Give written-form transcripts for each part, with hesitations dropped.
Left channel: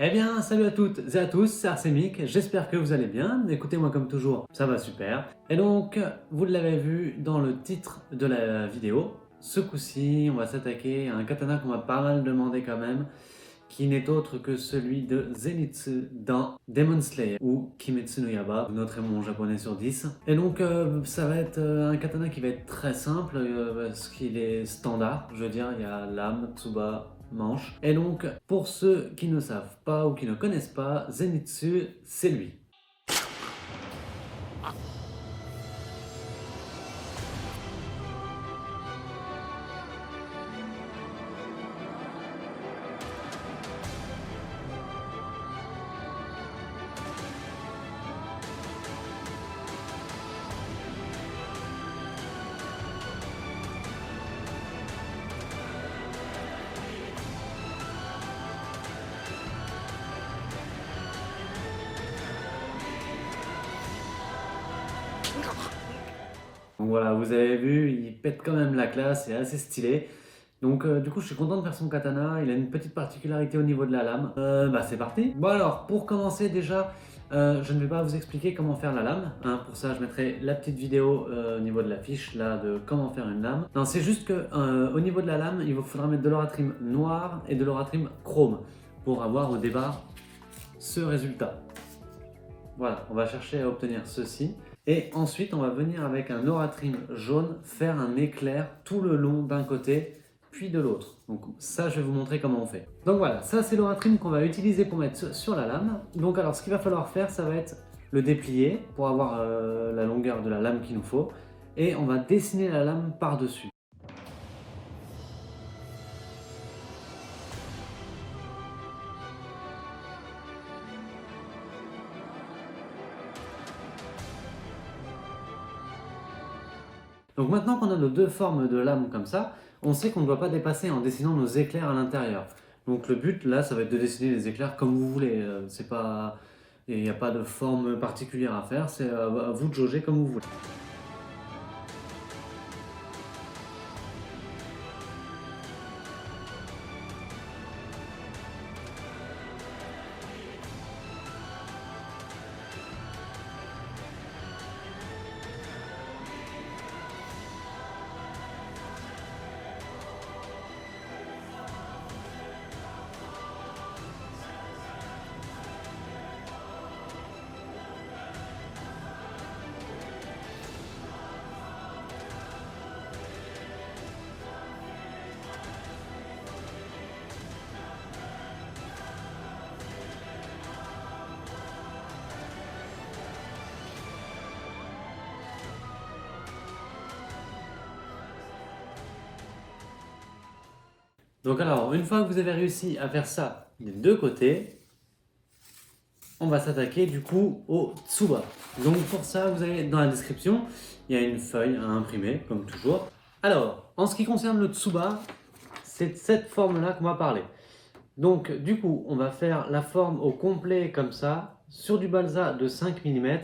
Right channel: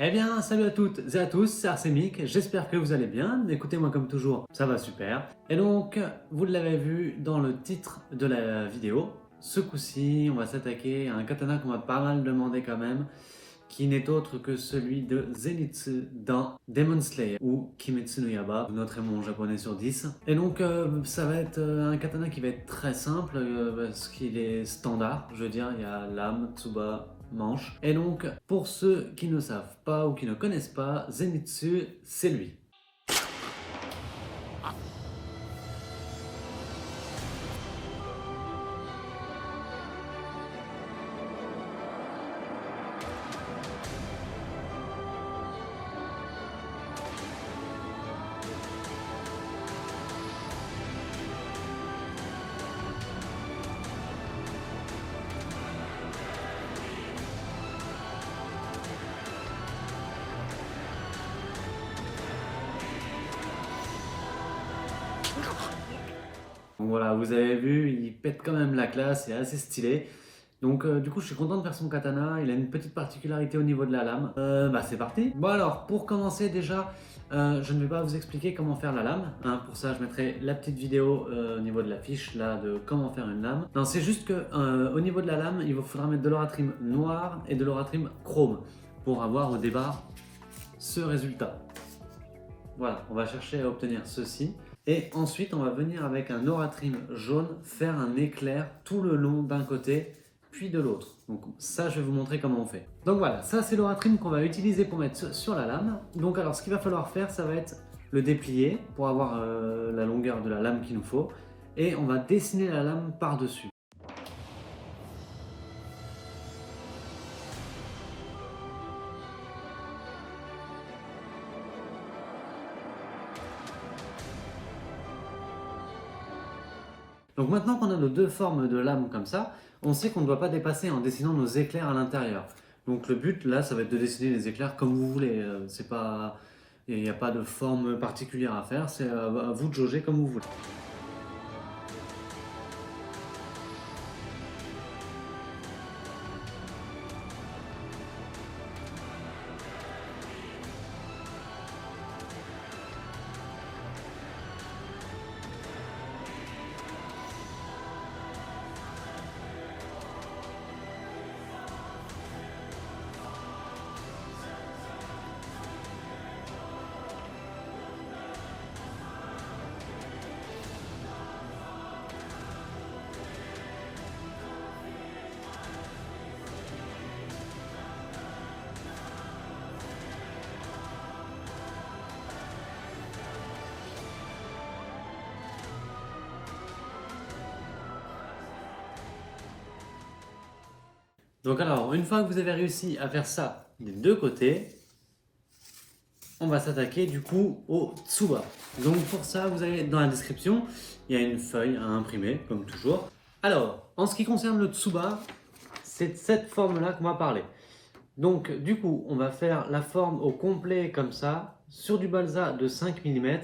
Eh bien, salut à toutes et à tous, c'est Arsenic, j'espère que vous allez bien. Écoutez-moi comme toujours, ça va super. Et donc, vous l'avez vu dans le titre de la vidéo, ce coup-ci, on va s'attaquer à un katana qu'on m'a pas mal demandé quand même, qui n'est autre que celui de Zenitsu dans Demon Slayer ou Kimetsu no Yaiba. Vous noterez mon japonais sur 10. Et donc, ça va être un katana qui va être très simple parce qu'il est standard. Je veux dire, il y a lame, tsuba, manche. Et donc, pour ceux qui ne savent pas ou qui ne connaissent pas, Zenitsu, c'est lui. Donc voilà, vous avez vu, il pète quand même la classe, c'est assez stylé. Donc du coup, je suis content de faire son katana. Il a une petite particularité au niveau de la lame. C'est parti. Bon alors, pour commencer déjà, je ne vais pas vous expliquer comment faire la lame. Hein. Pour ça, je mettrai la petite vidéo au niveau de la fiche là de comment faire une lame. Non, c'est juste que au niveau de la lame, il vous faudra mettre de l'oratrim noir et de l'oratrim chrome pour avoir au départ ce résultat. Voilà, on va chercher à obtenir ceci. Et ensuite, on va venir avec un Oratrim jaune faire un éclair tout le long d'un côté, puis de l'autre. Donc ça, je vais vous montrer comment on fait. Donc voilà, ça c'est l'Oratrim qu'on va utiliser pour mettre sur la lame. Donc alors, ce qu'il va falloir faire, ça va être le déplier pour avoir la longueur de la lame qu'il nous faut. Et on va dessiner la lame par-dessus. Donc maintenant qu'on a nos deux formes de lame comme ça, on sait qu'on ne doit pas dépasser en dessinant nos éclairs à l'intérieur. Donc le but là, ça va être de dessiner les éclairs comme vous voulez. C'est pas, il n'y a pas de forme particulière à faire, c'est à vous de jauger comme vous voulez. Donc alors, une fois que vous avez réussi à faire ça des deux côtés, on va s'attaquer du coup au tsuba. Donc pour ça, vous avez dans la description, il y a une feuille à imprimer, comme toujours. Alors, en ce qui concerne le tsuba, c'est de cette forme-là qu'on va parler. Donc du coup, on va faire la forme au complet comme ça, sur du balsa de 5 mm.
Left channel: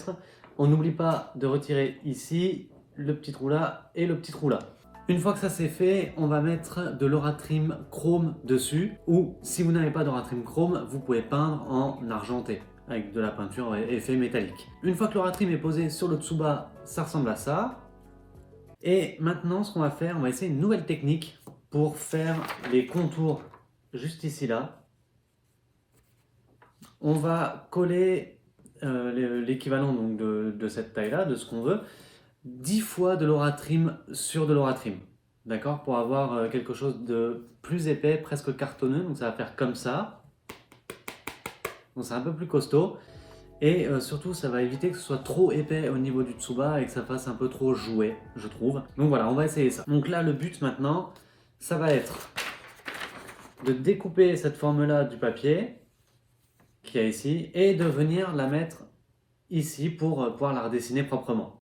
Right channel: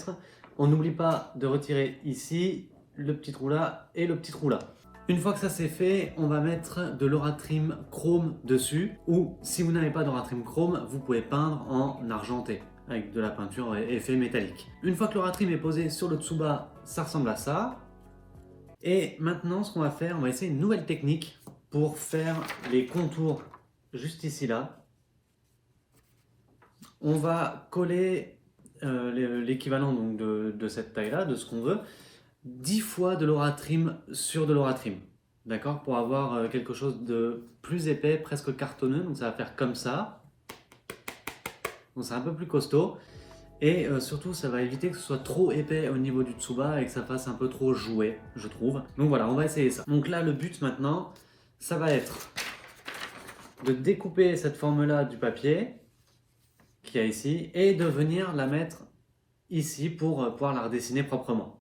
On n'oublie pas de retirer ici le petit trou là et le petit trou là. Une fois que ça c'est fait, on va mettre de l'oratrim chrome dessus, ou si vous n'avez pas d'oratrim chrome, vous pouvez peindre en argenté avec de la peinture effet métallique. Une fois que l'oratrim est posé sur le tsuba, ça ressemble à ça. Et maintenant, ce qu'on va faire, on va essayer une nouvelle technique pour faire les contours juste ici là. On va coller l'équivalent donc de cette taille-là, de ce qu'on veut, 10 fois de l'oratrim sur de l'oratrim. D'accord? Pour avoir quelque chose de plus épais, presque cartonneux. Donc ça va faire comme ça. Donc c'est un peu plus costaud. Et surtout, ça va éviter que ce soit trop épais au niveau du tsuba et que ça fasse un peu trop jouet, je trouve. Donc voilà, on va essayer ça. Donc là, le but maintenant, ça va être de découper cette forme-là du papier qu'il y a ici et de venir la mettre ici pour pouvoir la redessiner proprement.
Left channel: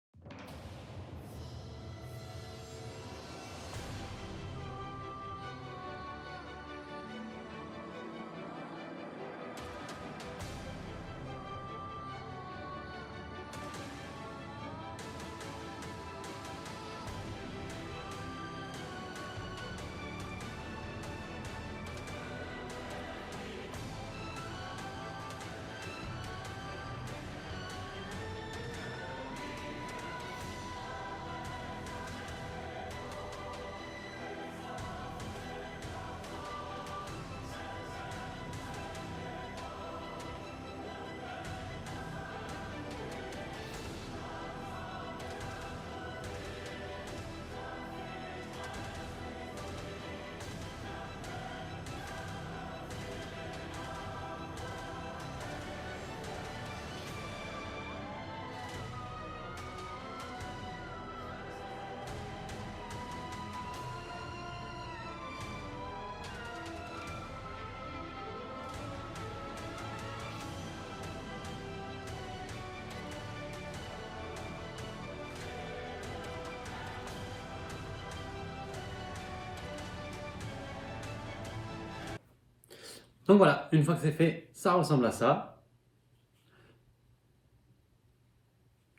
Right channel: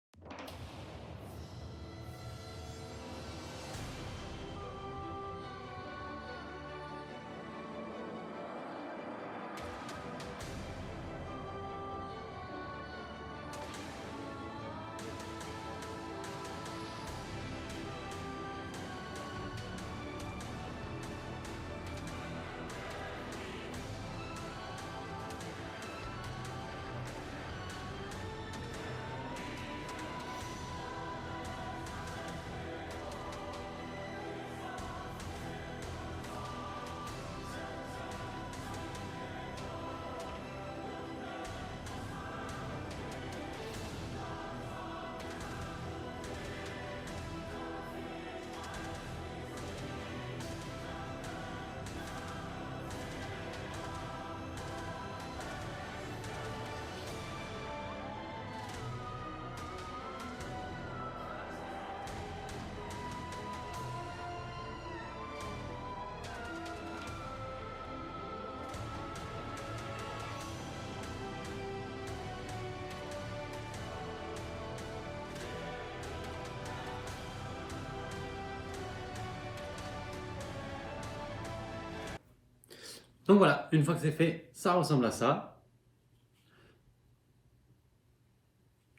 Donc voilà, une fois que c'est fait, ça ressemble à ça.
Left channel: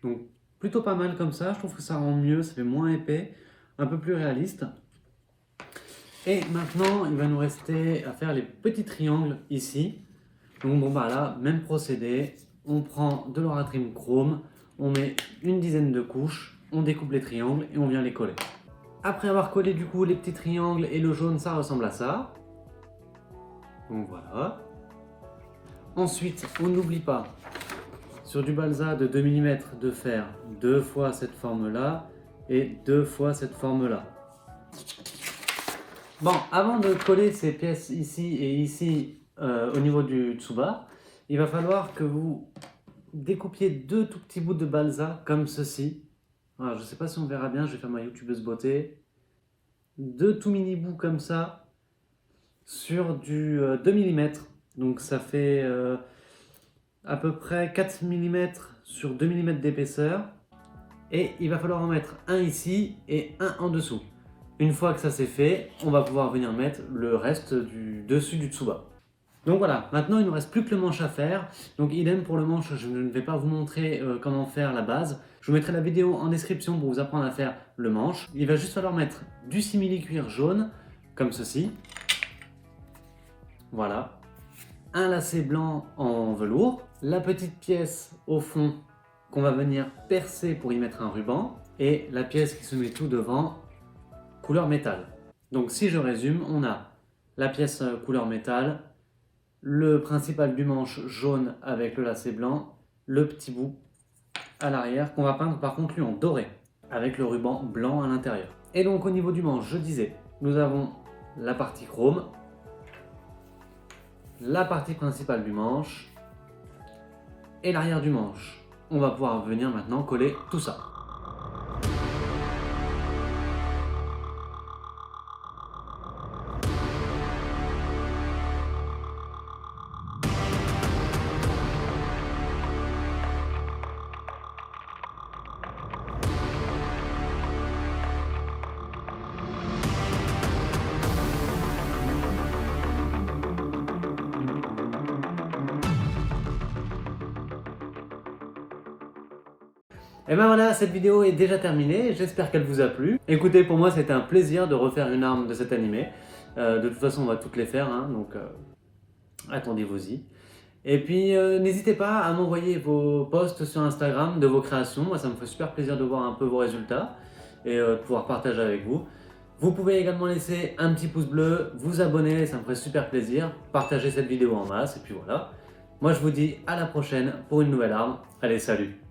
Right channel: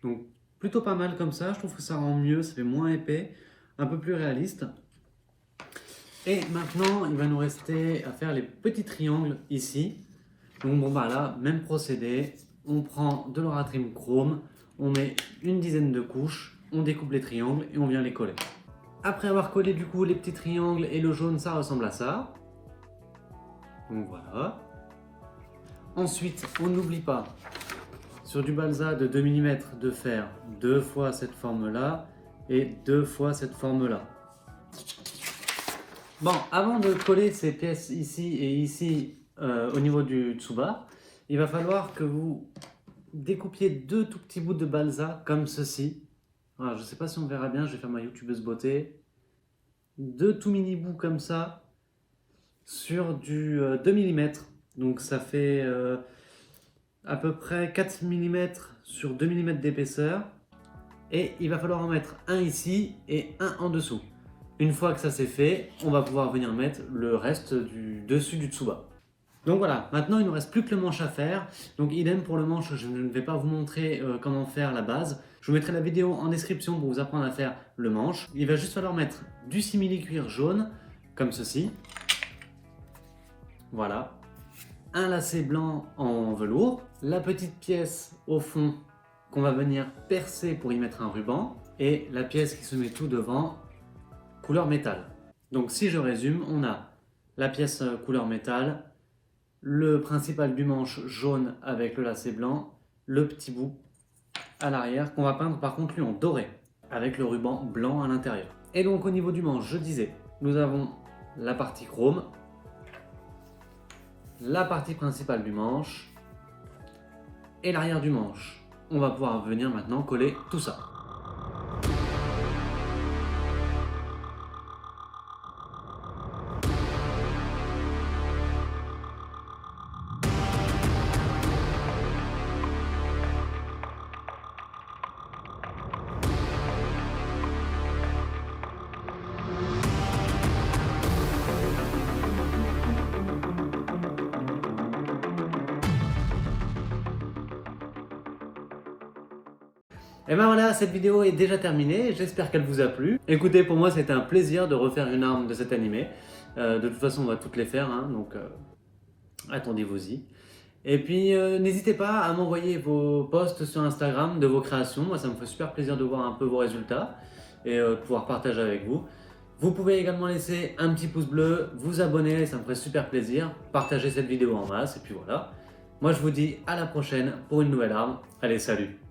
Donc plutôt pas mal comme ça, je trouve que ça rend mieux, ça fait moins épais, un peu plus réaliste. Et maintenant, il va nous rester à faire les petits triangles ici. Donc bon bah là, même procédé, on prend de l'Oratrim Chrome, on met une dizaine de couches, on découpe les triangles et on vient les coller. Après avoir collé du coup les petits triangles et le jaune, ça ressemble à ça. Donc voilà. Ensuite, on n'oublie pas, sur du balsa de 2 mm, de faire 2 fois cette forme-là et 2 fois cette forme-là. Bon, avant de coller ces pièces ici et ici au niveau du tsuba, il va falloir que vous découpiez 2 tout petits bouts de balsa comme ceci. Voilà, je ne sais pas si on verra bien, je vais faire ma youtubeuse beauté. 2 tout mini bouts comme ça sur du 2 mm. Donc ça fait à peu près 4 mm sur 2 mm d'épaisseur. Et il va falloir en mettre un ici et un en dessous. Une fois que ça c'est fait, on va pouvoir venir mettre le reste du dessus du tsuba. Donc voilà, maintenant il ne nous reste plus que le manche à faire. Donc idem pour le manche, je ne vais pas vous montrer comment faire la base. Je vous mettrai la vidéo en description pour vous apprendre à faire le manche. Il va juste falloir mettre du simili-cuir jaune, comme ceci. Voilà. Un lacet blanc en velours. La petite pièce au fond qu'on va venir percer pour y mettre un ruban. Et la pièce qui se met tout devant, couleur métal. Donc si je résume, on a la pièce couleur métal, le principal du manche jaune avec le lacet blanc, le petit bout à l'arrière qu'on va peindre par contre lui en doré avec le ruban blanc à l'intérieur. Et donc au niveau du manche, je disais, nous avons la partie chrome, la partie principale du manche et l'arrière du manche. On va pouvoir venir maintenant coller tout ça. Et ben voilà, cette vidéo est déjà terminée, j'espère qu'elle vous a plu. Écoutez, pour moi c'était un plaisir de refaire une arme de cet animé. De toute façon on va toutes les faire, hein, donc attendez-vous-y. Et puis n'hésitez pas à m'envoyer vos posts sur Instagram de vos créations, moi ça me fait super plaisir de voir un peu vos résultats et de pouvoir partager avec vous. Vous pouvez également laisser un petit pouce bleu, vous abonner, ça me ferait super plaisir, partager cette vidéo en masse et puis voilà. Moi je vous dis à la prochaine pour une nouvelle arme, allez salut!